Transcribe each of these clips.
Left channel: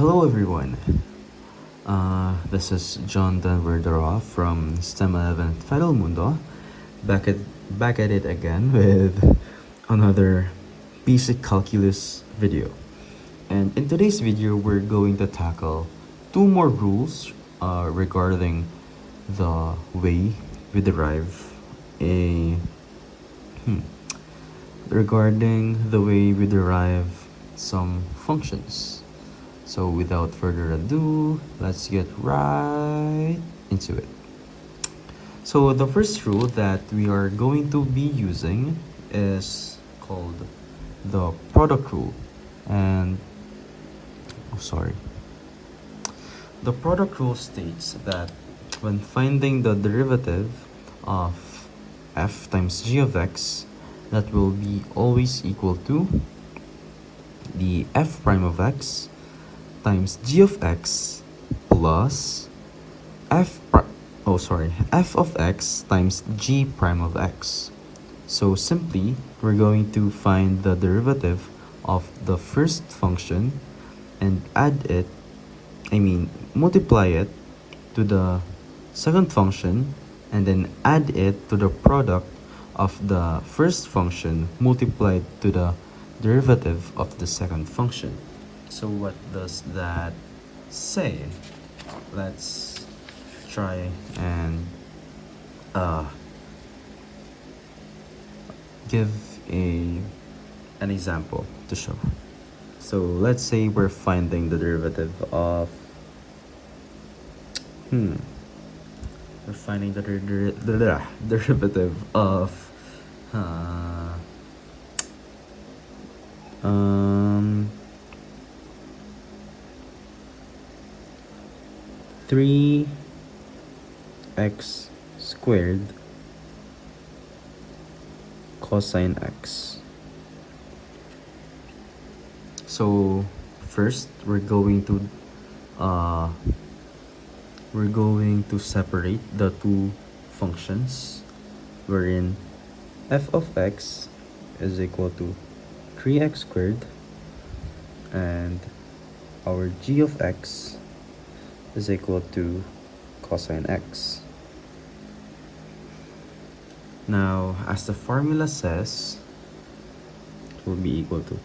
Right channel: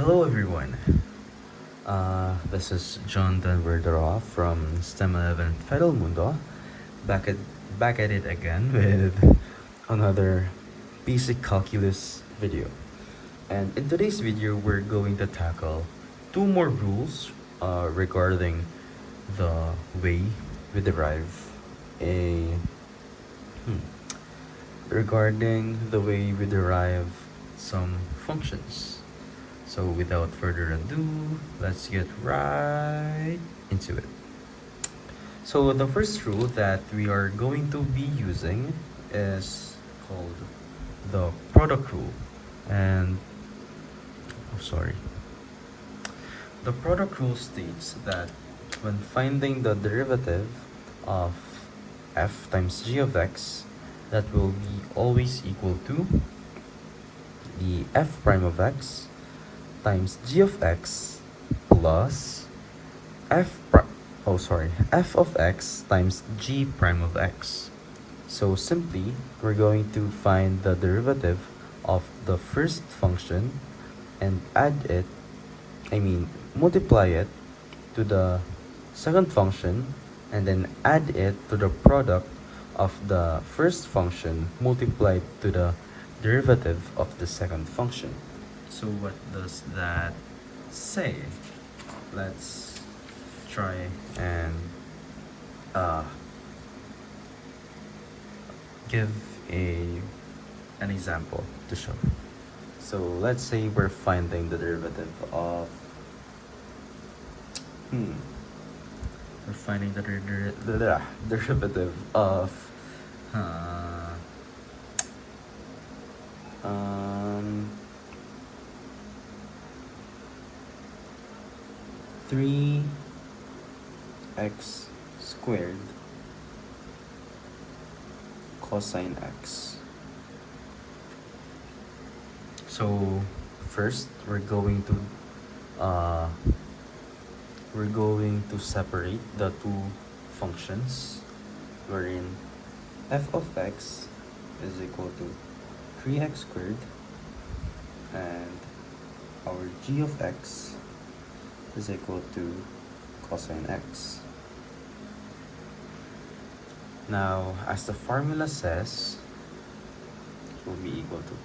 Hello everyone. This is John Denver from STEM 11 Federal Mundo, back at back at it again with another basic calculus video. And in today's video, we're going to tackle two more rules regarding the way we derive a hmm, regarding the way we derive some functions. So without further ado, let's get right into it. So the first rule that we are going to be using is called the product rule. And sorry. The product rule states that when finding the derivative of f times g of x, that will be always equal to the f prime of x times g of x plus f of x times g prime of x. So simply, we're going to find the derivative of the first function and multiply it to the second function and then add it to the product of the first function multiplied to the derivative of the second function. So what does that say? Let's try and give an example to show. So let's say we're finding the derivative of we're finding the derivative of three x squared cosine x. So first we're going to separate the two functions, wherein f of x is equal to 3x squared and our g of x is equal to cosine x. Now, as the formula says, it will be equal to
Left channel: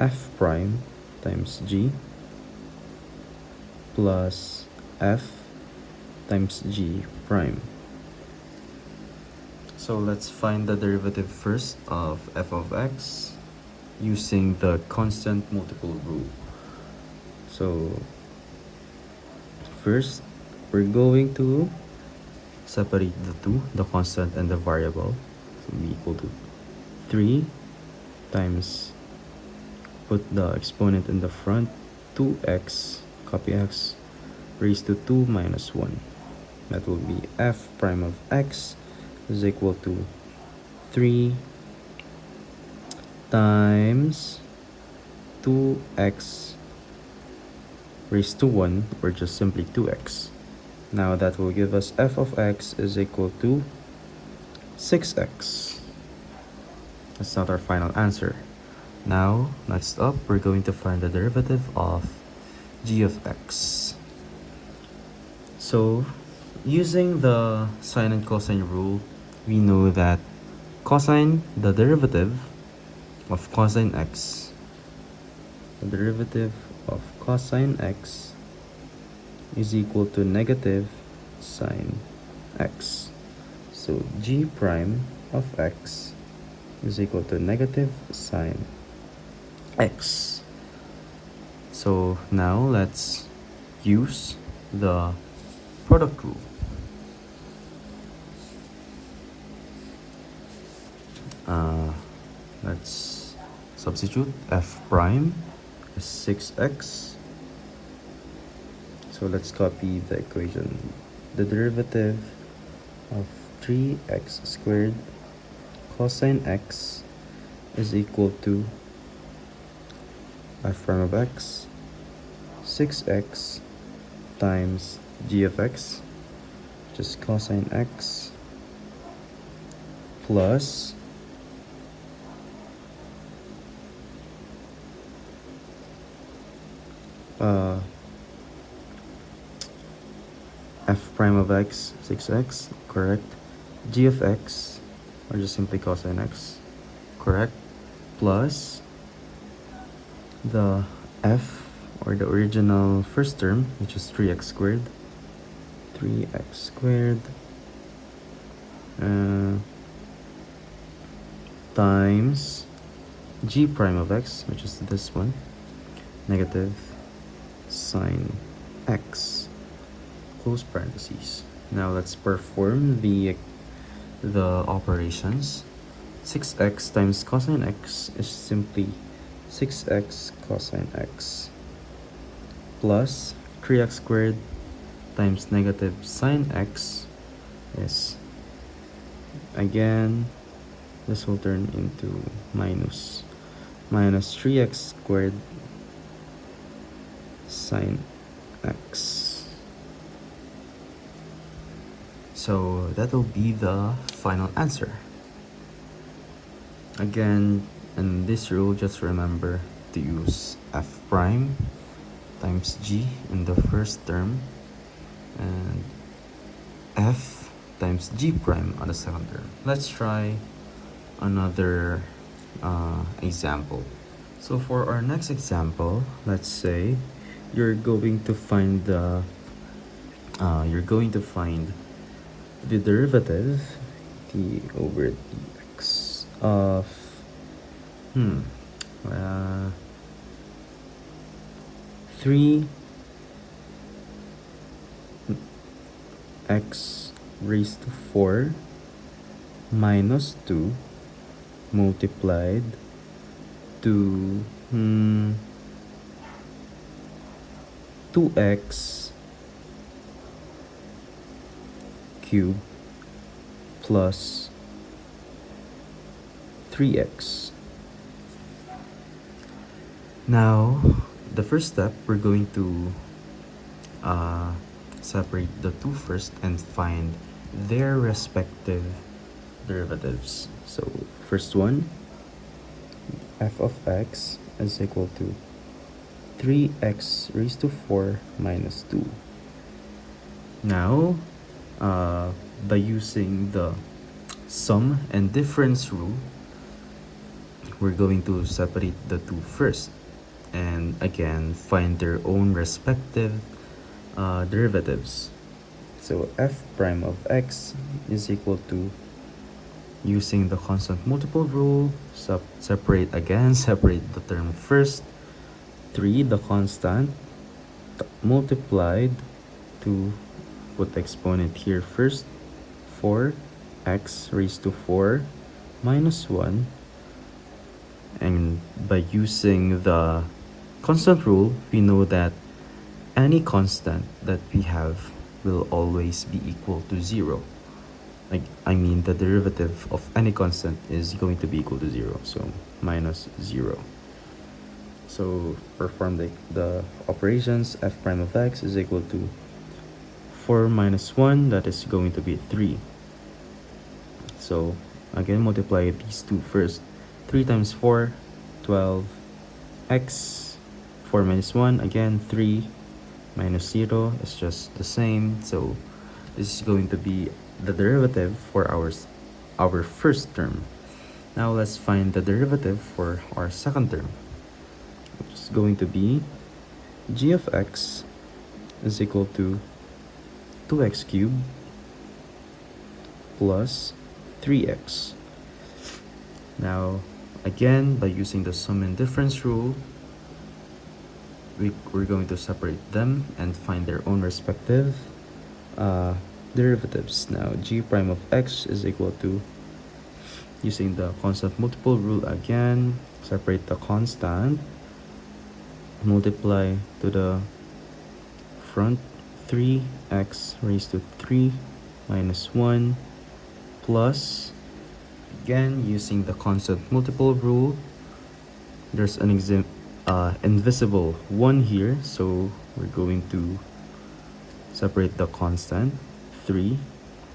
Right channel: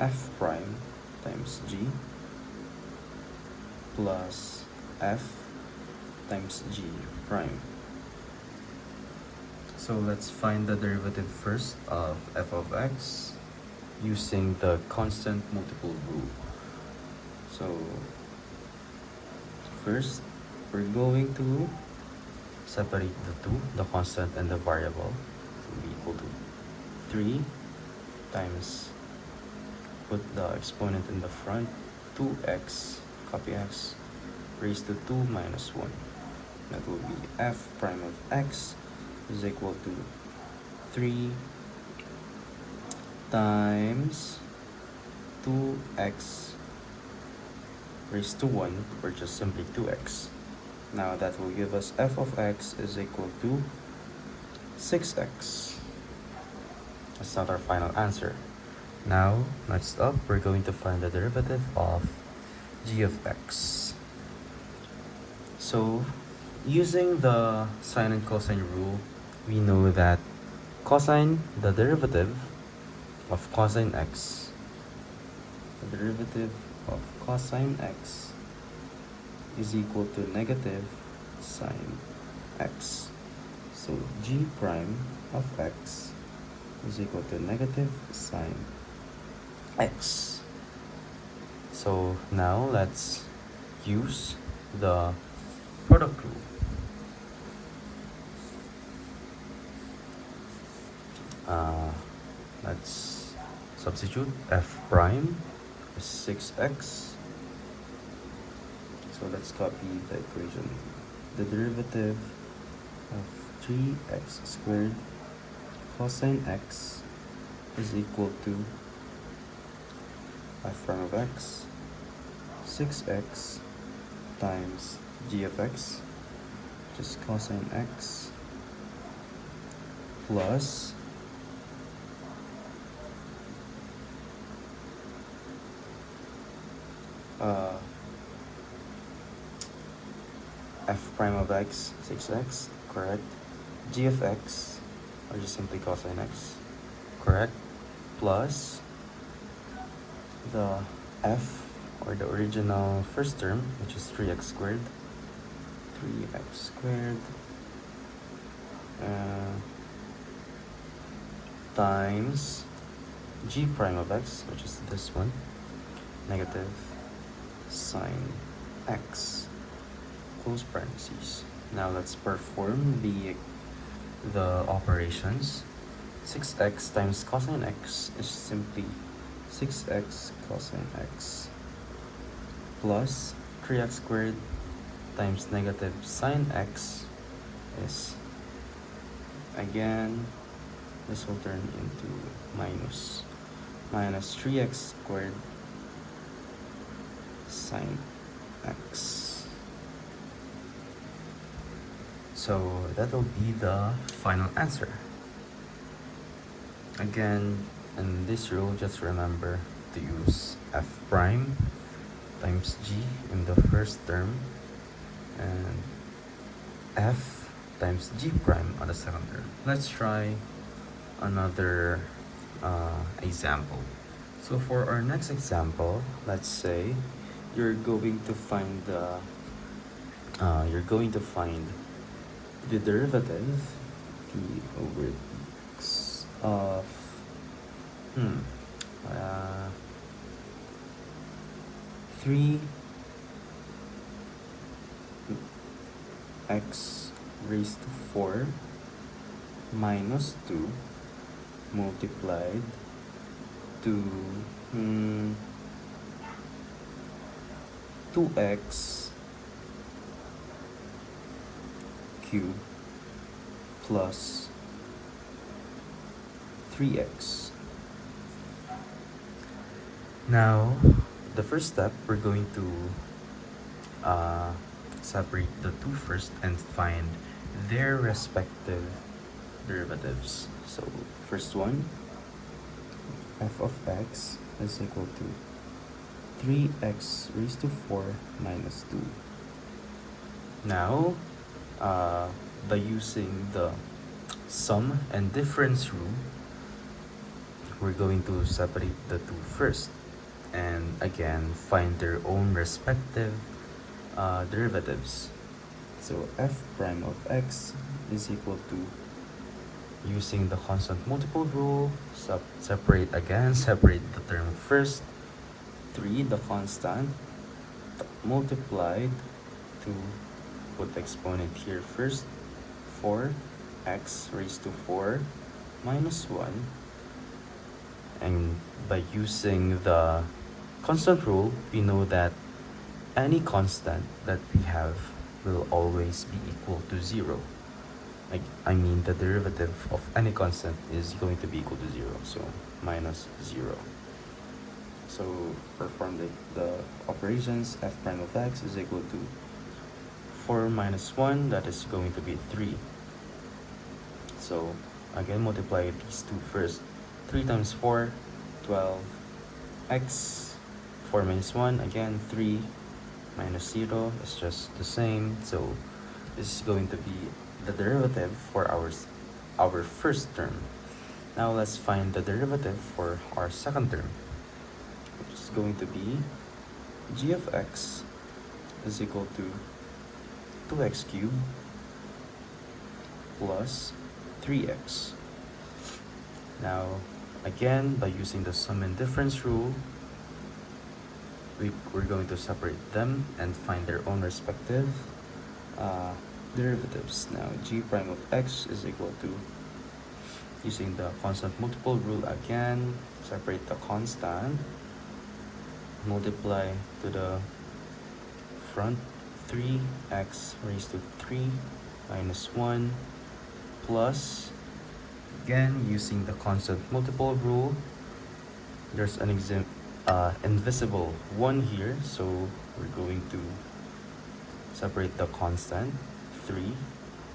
f prime times g plus f times g prime. So let's find the derivative first of f of x using the constant multiple rule. So first, we're going to separate the two, the constant and the variable. So we equal to 3 times, put the exponent in the front, 2x, copy x, raised to 2 minus 1. That will be f prime of x is equal to 3 times 2x raised to 1, or just simply 2x. Now that will give us f of x is equal to 6x. That's not our final answer. Now, next up, we're going to find the derivative of g of x. So, using the sine and cosine rule, we know that the derivative of cosine x, is equal to negative sine x. So g prime of x is equal to negative sine x. So now let's use the product rule. Let's substitute f prime is 6x. So let's copy the equation. The derivative of 3x squared cosine x is equal to f prime of x 6x times g of x, just cosine x, plus uh, f prime of x, 6x, correct. G of x, or just simply cosine x, correct, plus the f, or the original first term, which is 3x squared, 3x squared, times g prime of x, which is this one, negative sine x, close parentheses. Now let's perform the operations. 6x times cosine x is simply 6x cosine x plus 3x squared times negative sine x is, again, this will turn into minus 3x squared sine x. So that will be the final answer. Again, in this rule, just remember to use f prime times g in the first term and f times g prime on the second term. Let's try another example. So for our next example, let's say you're going to find the derivative d over dx of 3x raised to 4 minus 2 multiplied to 2x cubed plus 3x. Now, the first step, we're going to separate the two first and find their respective derivatives. So, first one, f of x is equal to 3x raised to 4 minus 2. Now, by using the sum and difference rule, we're going to separate the two first and again find their own respective derivatives. So f prime of x is equal to, using the constant multiple rule, separate the term first, 3 the constant, multiplied to, put the exponent here first, 4x raised to 4 minus 1, and by using the constant rule, we know that any constant that we have will always be equal to 0. The derivative of any constant is going to be equal to 0, so minus 0. So perform the operations. F prime of x is equal to 4 minus 1, that is going to be 3. So again, multiply these two first. 3 times 4, 12, x, 4 minus 1, again 3, minus 0 is just the same. So this is going to be the derivative for our first term. Now let's find the derivative for our second term, which is going to be g of x is equal to 2x cubed plus 3x. Now, again, by using the sum and difference rule, we're going to separate them and find their own respective derivatives. Now, g prime of x is equal to, using the constant multiple rule again, separate the constant, multiply to the front, 3x raised to 3 minus 1 plus, again, using the constant multiple rule, there's an invisible 1 here, so we're going to separate the constant, 3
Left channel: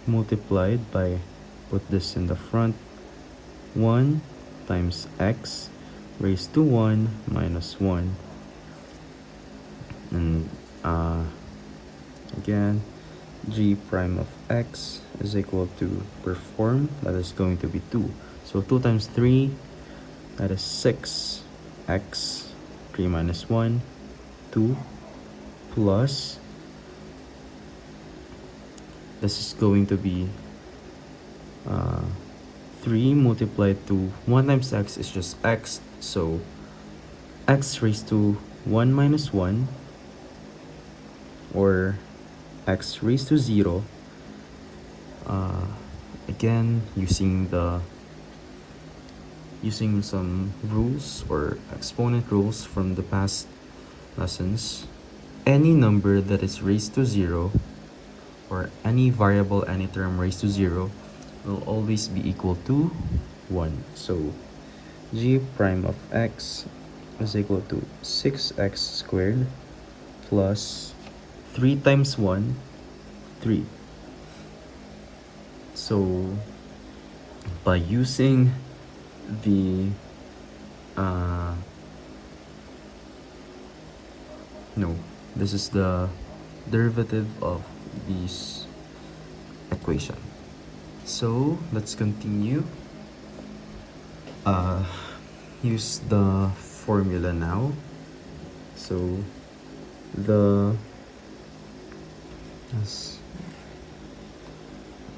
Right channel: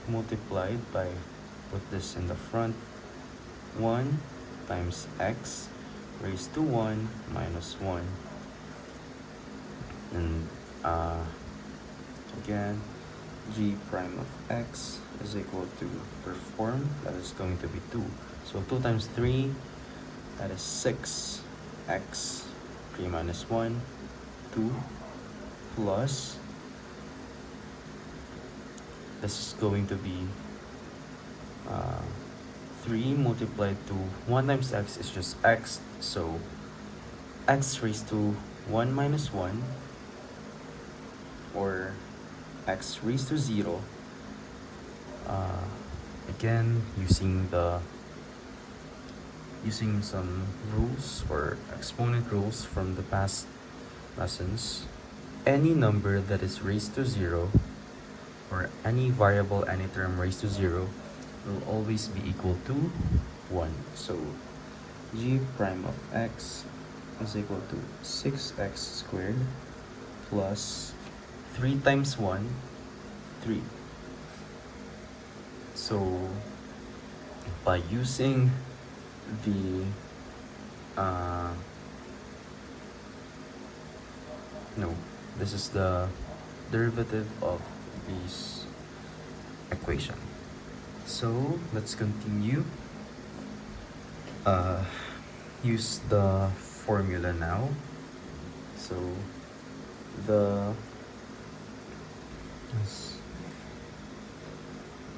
multiplied by, put this in the front, 1 times x raised to 1 minus 1 And again, g prime of x is equal to perform, that is going to be 2. So 2 times 3, that is 6 x, 3 minus 1, 2, plus, this is going to be 3 multiplied to 1 times x is just x, so x raised to 1 minus 1, or x raised to 0. Again, using some rules or exponent rules from the past lessons, any number that is raised to 0, or any variable, any term raised to 0, will always be equal to 1. So g prime of x is equal to 6x squared plus 3 times 1, 3. So by using the this is the derivative of this equation. So let's continue. Use the formula now. So the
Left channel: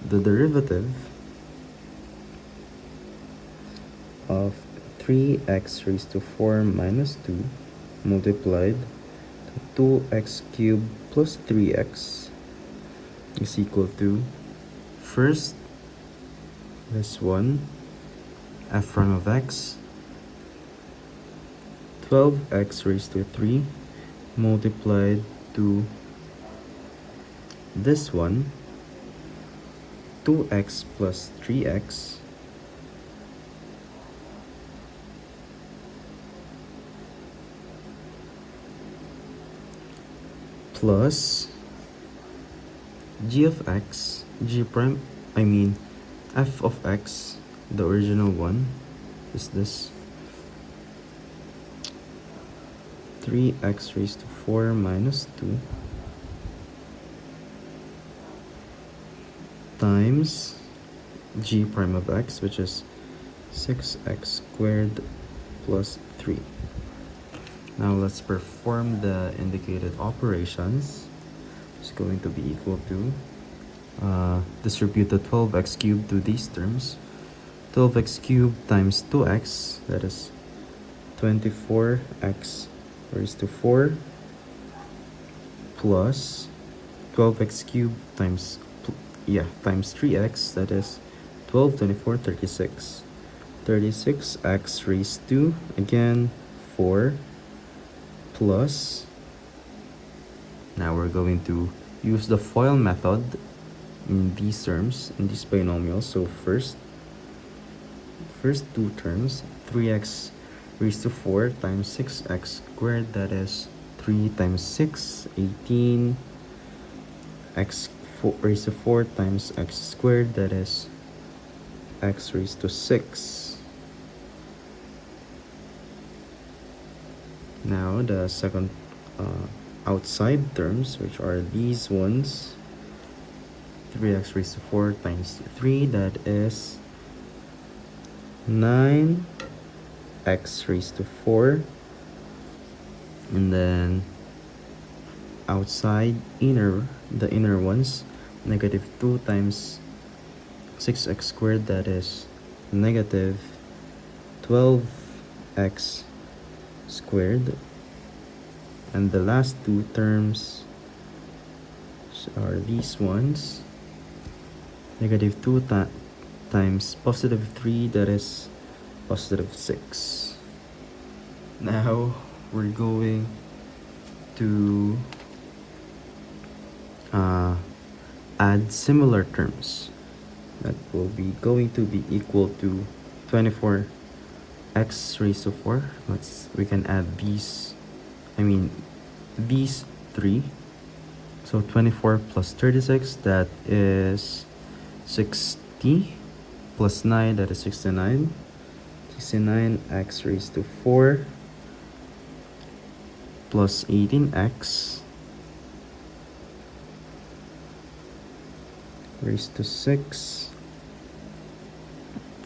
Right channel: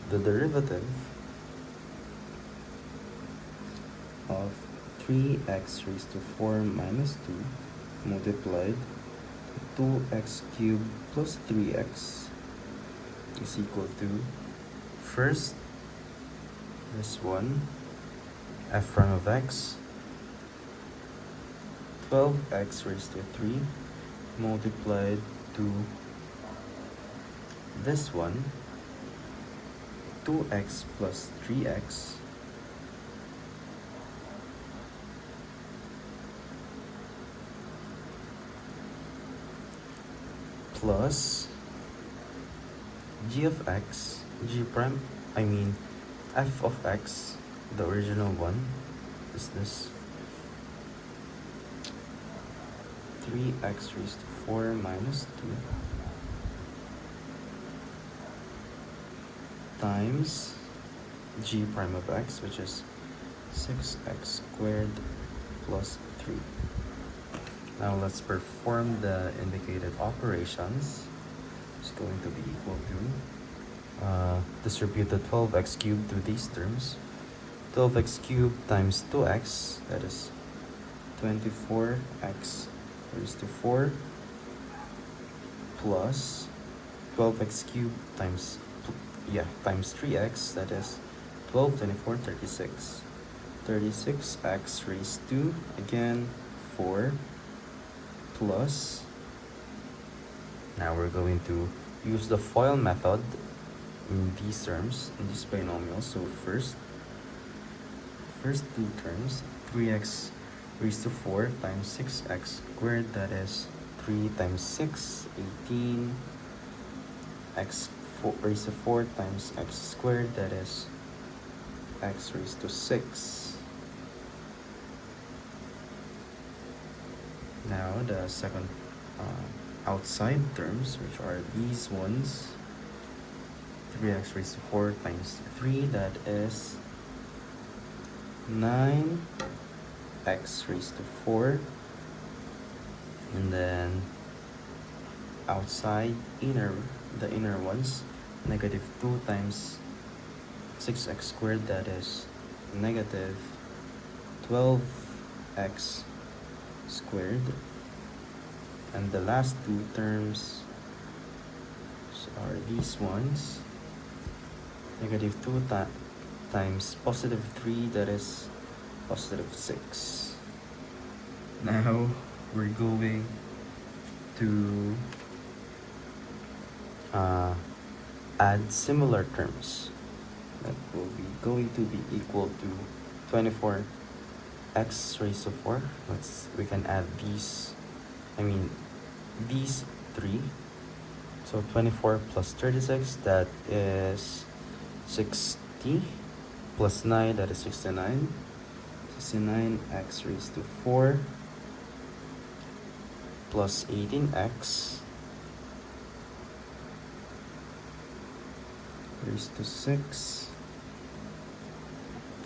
derivative of 3x raised to 4 minus 2 multiplied to 2x cubed plus 3x is equal to, first, this one, f prime of x, 12x raised to 3 multiplied to this one, 2x plus 3x plus g of x, g prime, f of x, the original one is this 3x raised to 4 minus 2 times g prime of x, which is 6x squared plus 3. Now let's perform the indicated operations. It's going to be equal to, distribute the 12x cubed to these terms. 12x cubed times 2x, that is 24x raised to 4 plus 12x cubed times 3x, that is 12, 24, 36. 36x raised to, again, 4 plus, now we're going to use the FOIL method in these terms, in these binomials. So first two terms, 3x raised to 4 times 6x squared, that is 3 times 6, 18, x raised to 4 times x squared, that is x raised to 6. Now the second outside terms, which are these ones, 3x raised to 4 times 3, that is 9x raised to 4, and then outside the inner ones, negative 2 times 6x squared, that is negative 12x squared, and the last two terms are these ones, negative 2 times positive 3, that is positive 6. Now we're going to add similar terms that will be going to be equal to 24x raised to 4. We can add these three. So 24 plus 36, that is 60, plus 9, that is 69. 69x raised to 4 plus 18x raised to 6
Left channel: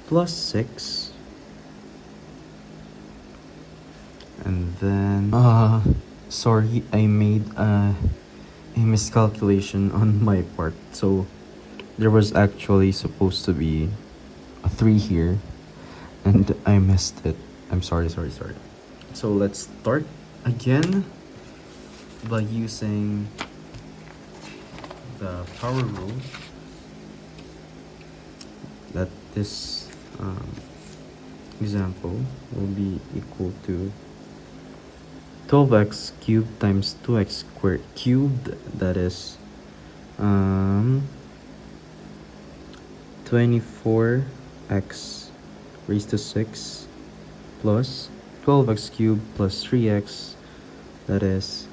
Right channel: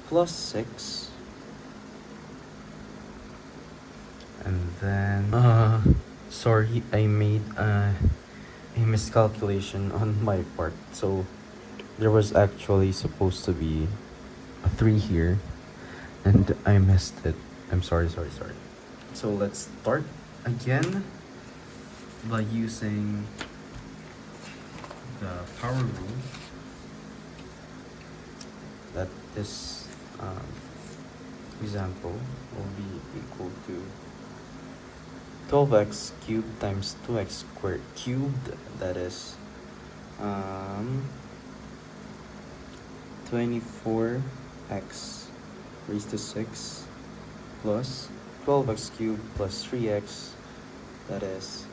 plus 6, and then sorry, I made a miscalculation on my part. So there was actually supposed to be a 3 here, and I missed it. I'm sorry. So let's start again by using the power rule that this example will be equal to 12x cubed times 2x squared cubed, that is 24x raised to 6 plus 12x cubed plus 3x, that is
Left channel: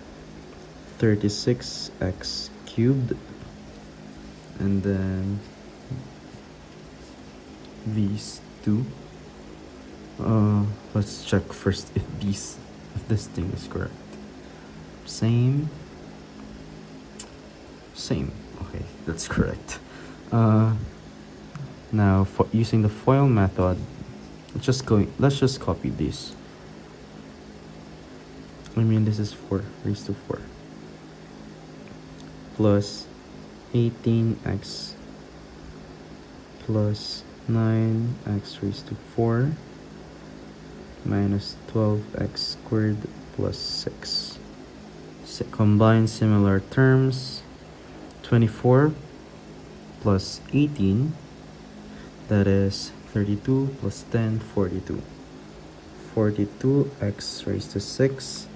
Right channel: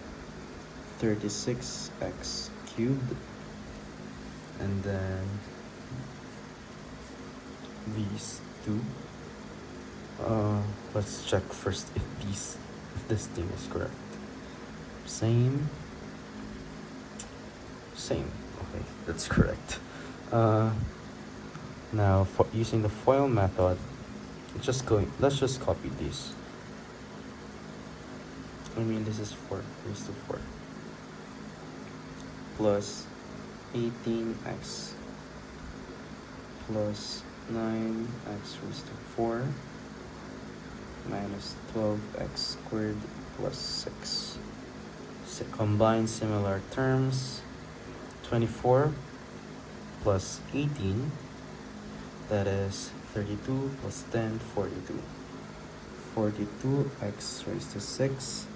36x cubed, and then these two. Let's check first if this thing is correct. Same. Okay, that's correct. Now for using the FOIL method, let's just copy these. This is 4 raised to 4 plus 18x plus 9x raised to 4 minus 12x squared plus 6. So combine similar terms. 24 plus 18, that is 32 plus 10, 42. 42x raised to 6.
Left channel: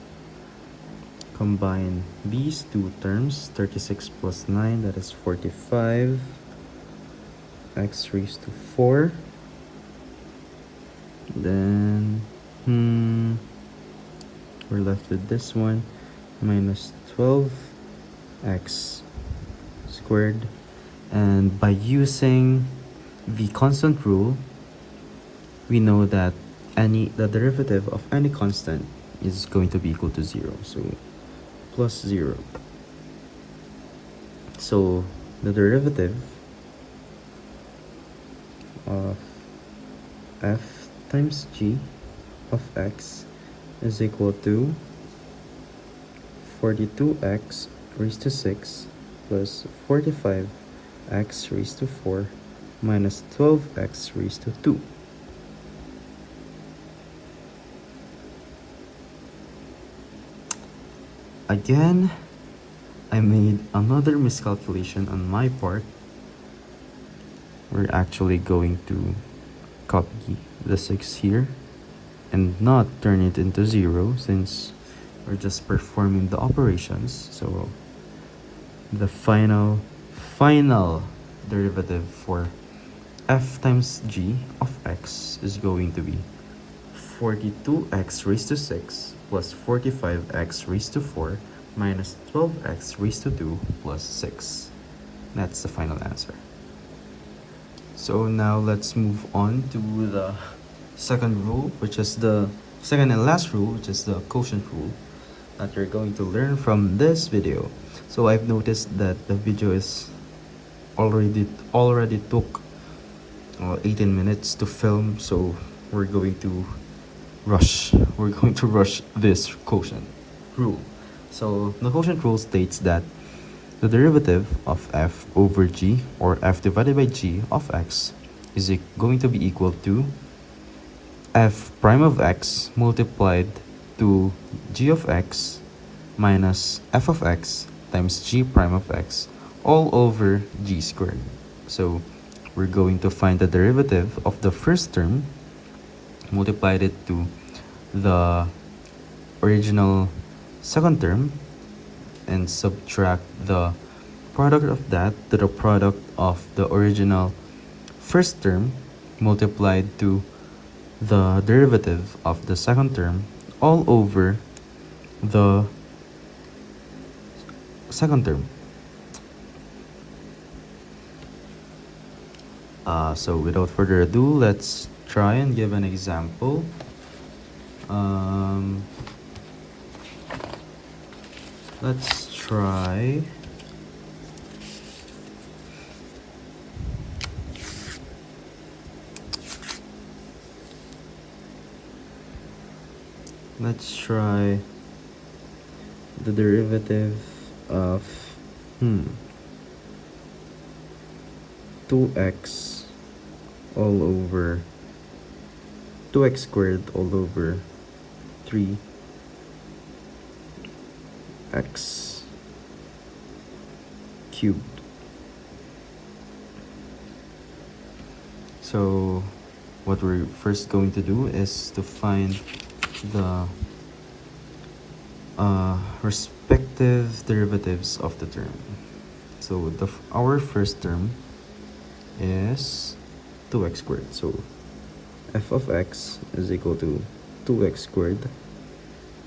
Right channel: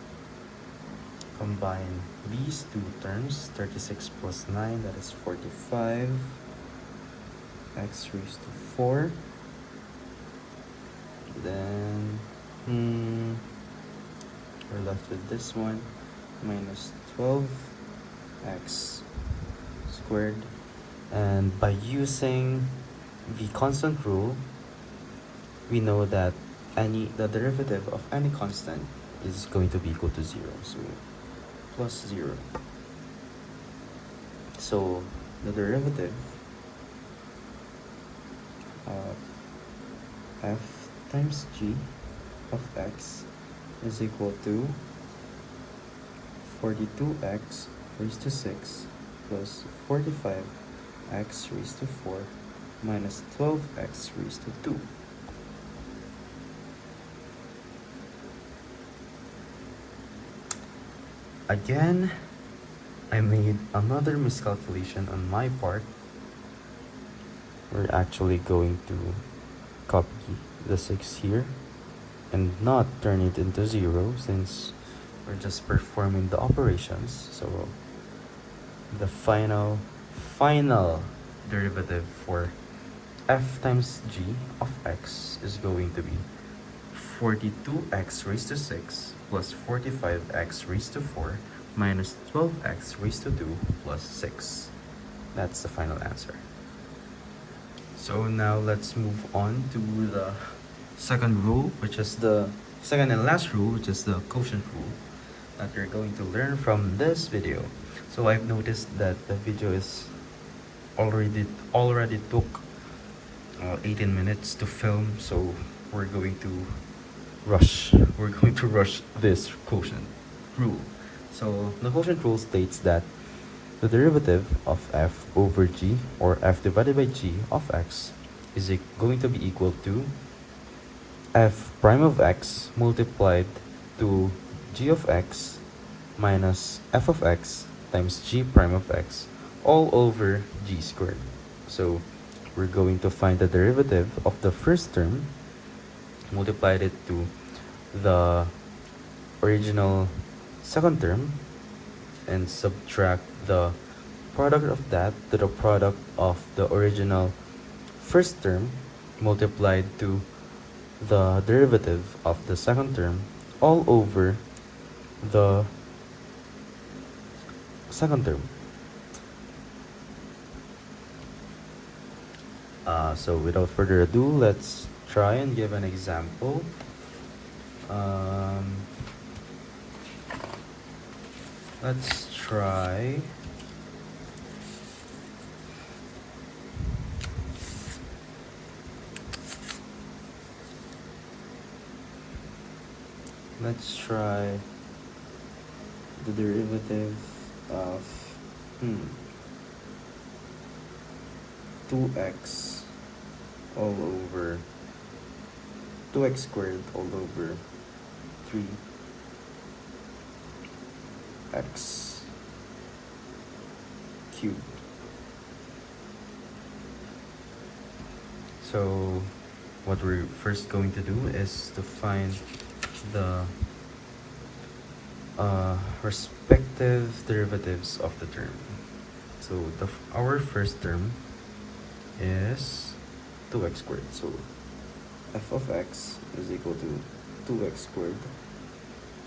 Combine these two terms, 36 plus 9, that is 45. X raised to 4. Then we're left with this one, minus 12x squared. And by using the constant rule, we know that the derivative of any constant is going to be equal to 0, so plus 0. So the derivative of f times g of x is equal to 42x raised to 6 plus 45x raised to 4 minus 12x raised to 2. Again, I made another miscalculation on my part. We're actually going to copy the 6 here and not turn it into 0, since we're just performing the operations. So the final derivative for f times g of x is going to be 42x raised to 6 plus 45x raised to 4 minus 12x raised to 2 plus 6. That's the final answer. So now let's move on to the second rule, which is the second and last rule, which is the quotient rule that you're going to learn from this video. So I've noticed that the video is already took 18 minutes to film, so we're going to rush this quotient rule. So the quotient rule states that the derivative of f over g, or f divided by g of x, is going to be equal to f prime of x multiplied to g of x minus f of x times g prime of x all over g squared. So we're going to find the derivative of the first term, multiplied it to the original second term, and subtract the product of that to the product of the original first term multiplied to the derivative of the second term all over the second term. So without further ado, let's try and give an example. Let's try the derivative of 2x all over 2x squared all over 3x cubed. So what we're first going to do is to find the respective derivatives of the term. So our first term is 2x squared. So f of x is equal to 2x squared.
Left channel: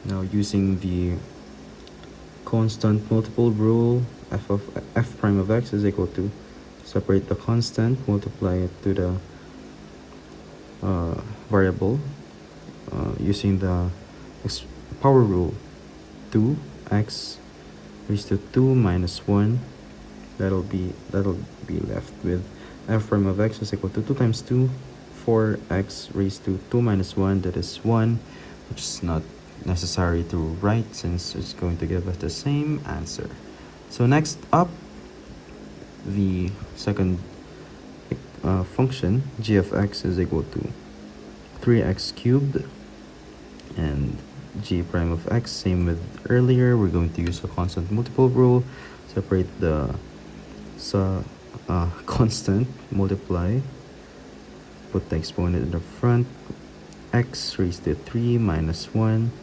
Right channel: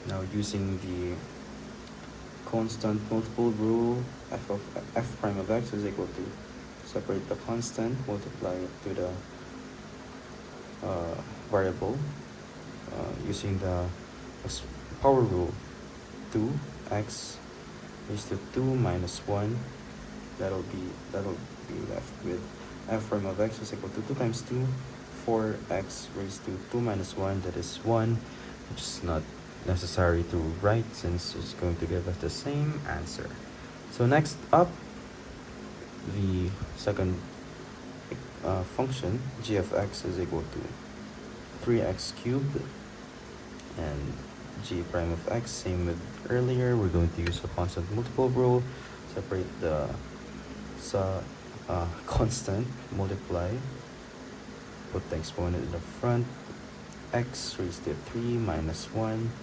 Now using the constant multiple rule, f prime of x is equal to separate the constant, multiply it to the variable using the power rule. 2x raised to 2 minus 1, that'll be left with f prime of x is equal to 2 times 2, 4x raised to 2 minus 1, that is 1, which is not necessary to write since it's going to give us the same answer. So next up, the second function, g of x is equal to 3x cubed, and g prime of x, same with earlier, we're going to use a constant multiple rule, separate the constant, multiply, put the exponent in the front, x raised to 3 minus 1,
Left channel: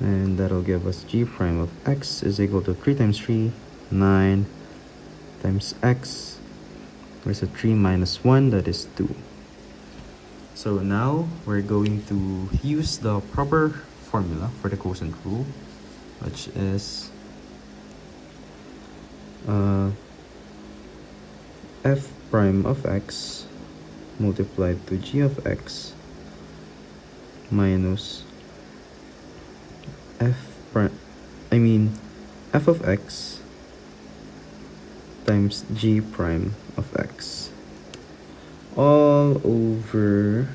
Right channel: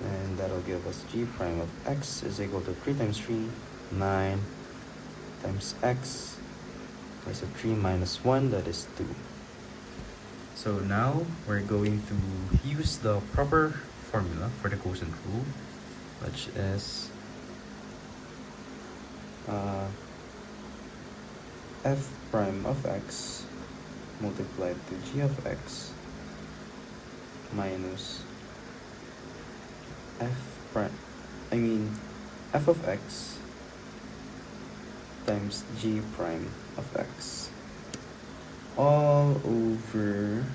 and that'll give us g prime of x is equal to 3 times 3, 9, times x raised to 3 minus 1, that is 2. So now we're going to use the proper formula for the quotient rule, which is f prime of x multiplied to g of x minus f of x times g prime of x all over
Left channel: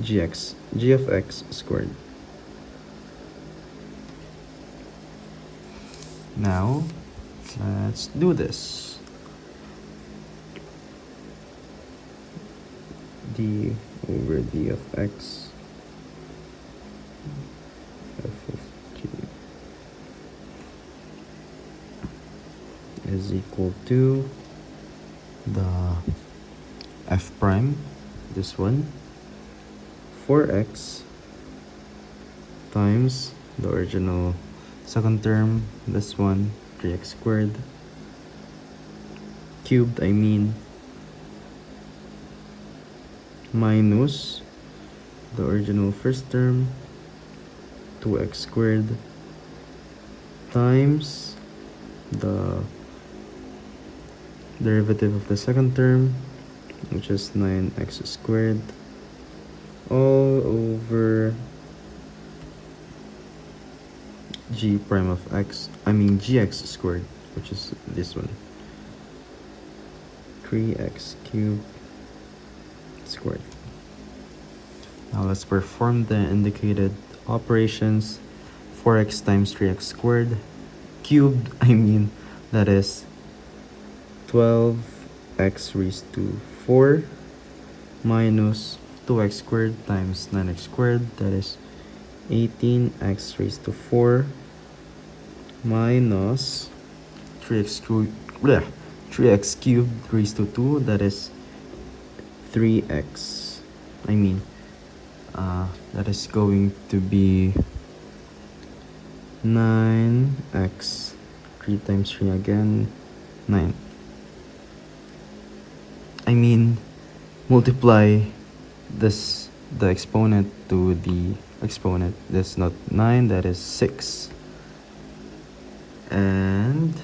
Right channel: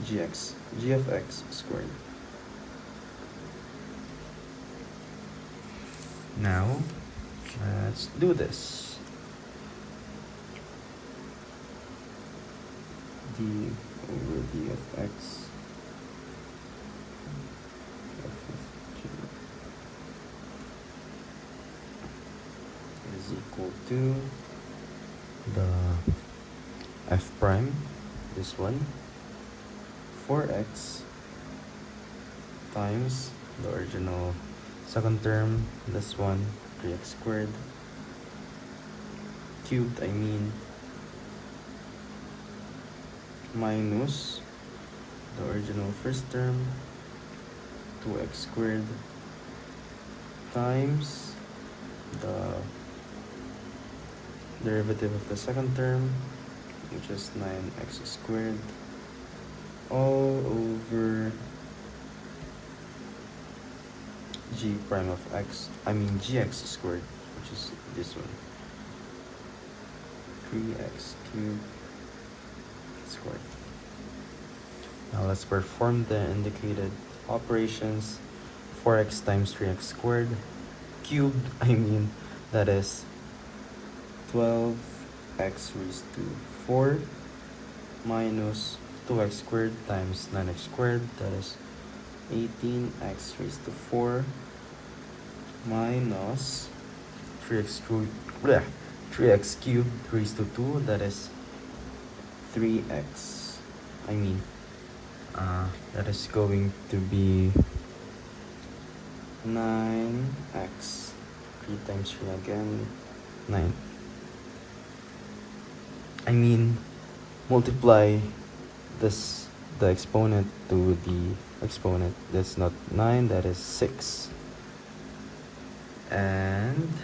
g of x squared. Now let's do this. D over d of x f of g is equal to the f prime, this one, 4x times the original second term, this one, 3x squared, cubed, minus the original first term, 2x squared, times the derivative of the second term, which is 9x squared, all over g prime of x, gx squared, which is this one, 3x cubed squared. Now let's perform the indicated operations. 4x times 3x squared cubed, that is 12x raised to 4 minus 2x squared times 9x squared, that is 18x raised to 4 minus 3x cubed raised to 2, that is 3x. That is going to be 9x, 3 times 3 again, 9. Multiply this, the exponent to the exponent. That's not 9, that is 6. And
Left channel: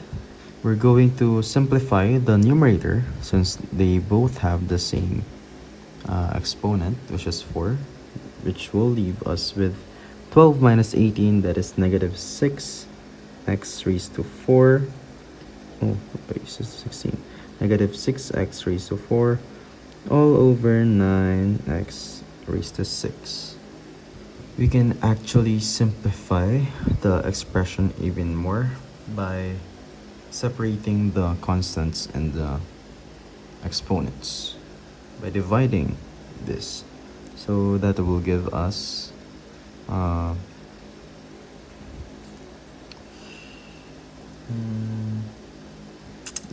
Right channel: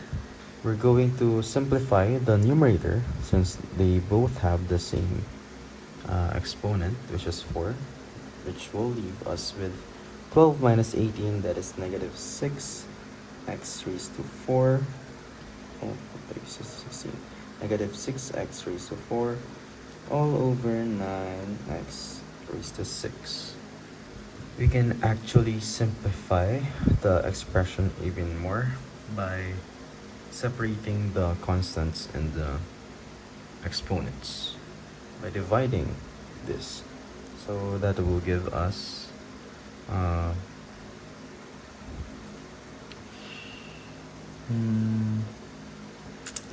we're going to simplify the numerator since they both have the same exponent, which is 4, which will leave us with 12 minus 18, that is negative 6 x raised to 4. Oh, this is 16. Negative 6x raised to 4 all over 9x raised to 6. We can actually simplify the expression even more by separating the constants and the exponents by dividing this. So that will give us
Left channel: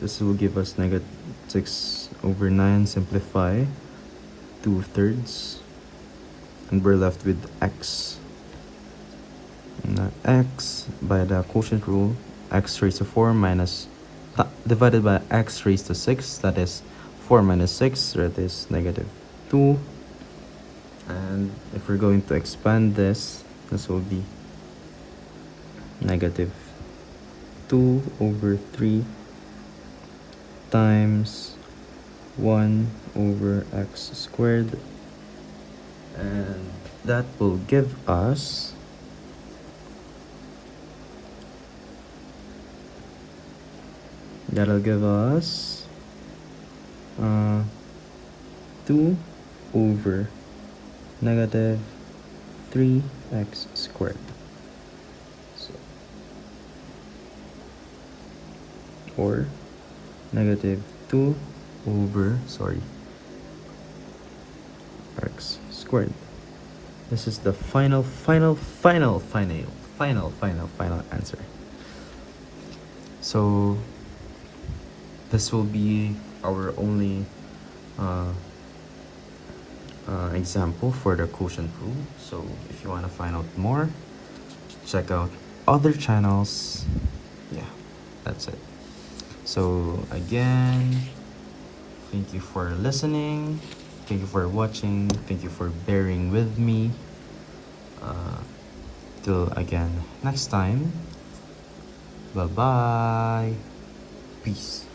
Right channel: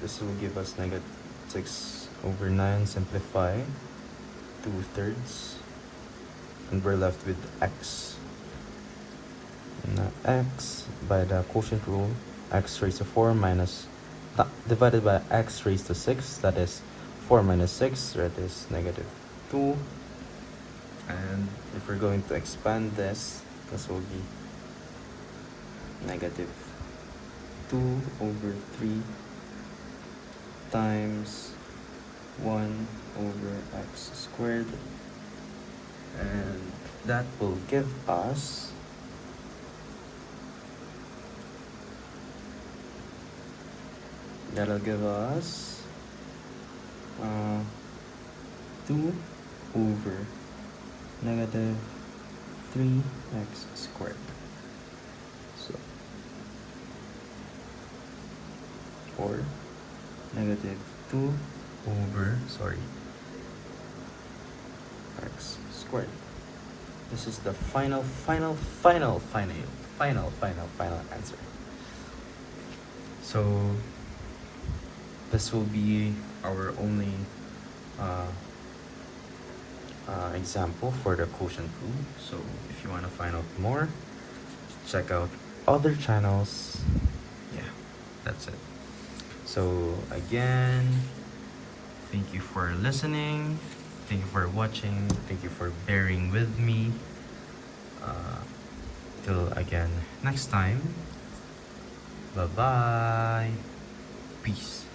this will give us negative 6 over 9 simplify 2/3, and we're left with x. Now x by the quotient rule, x raised to 4 minus divided by x raised to 6, that is 4 minus 6, that is negative 2. And if we're going to expand this will be negative 2 over 3 times 1 over x squared, and that will give us that'll give us 2 over negative 3x squared. So, or negative 2 over, x squared. This is the final answer. So this will be our only example for the quotient rule. So if you want to find out more, check out other channels. Yeah, that's it. So again, thank you for listening, thank you for watching, thank you for bearing with me. Till again next time, bye bye, peace.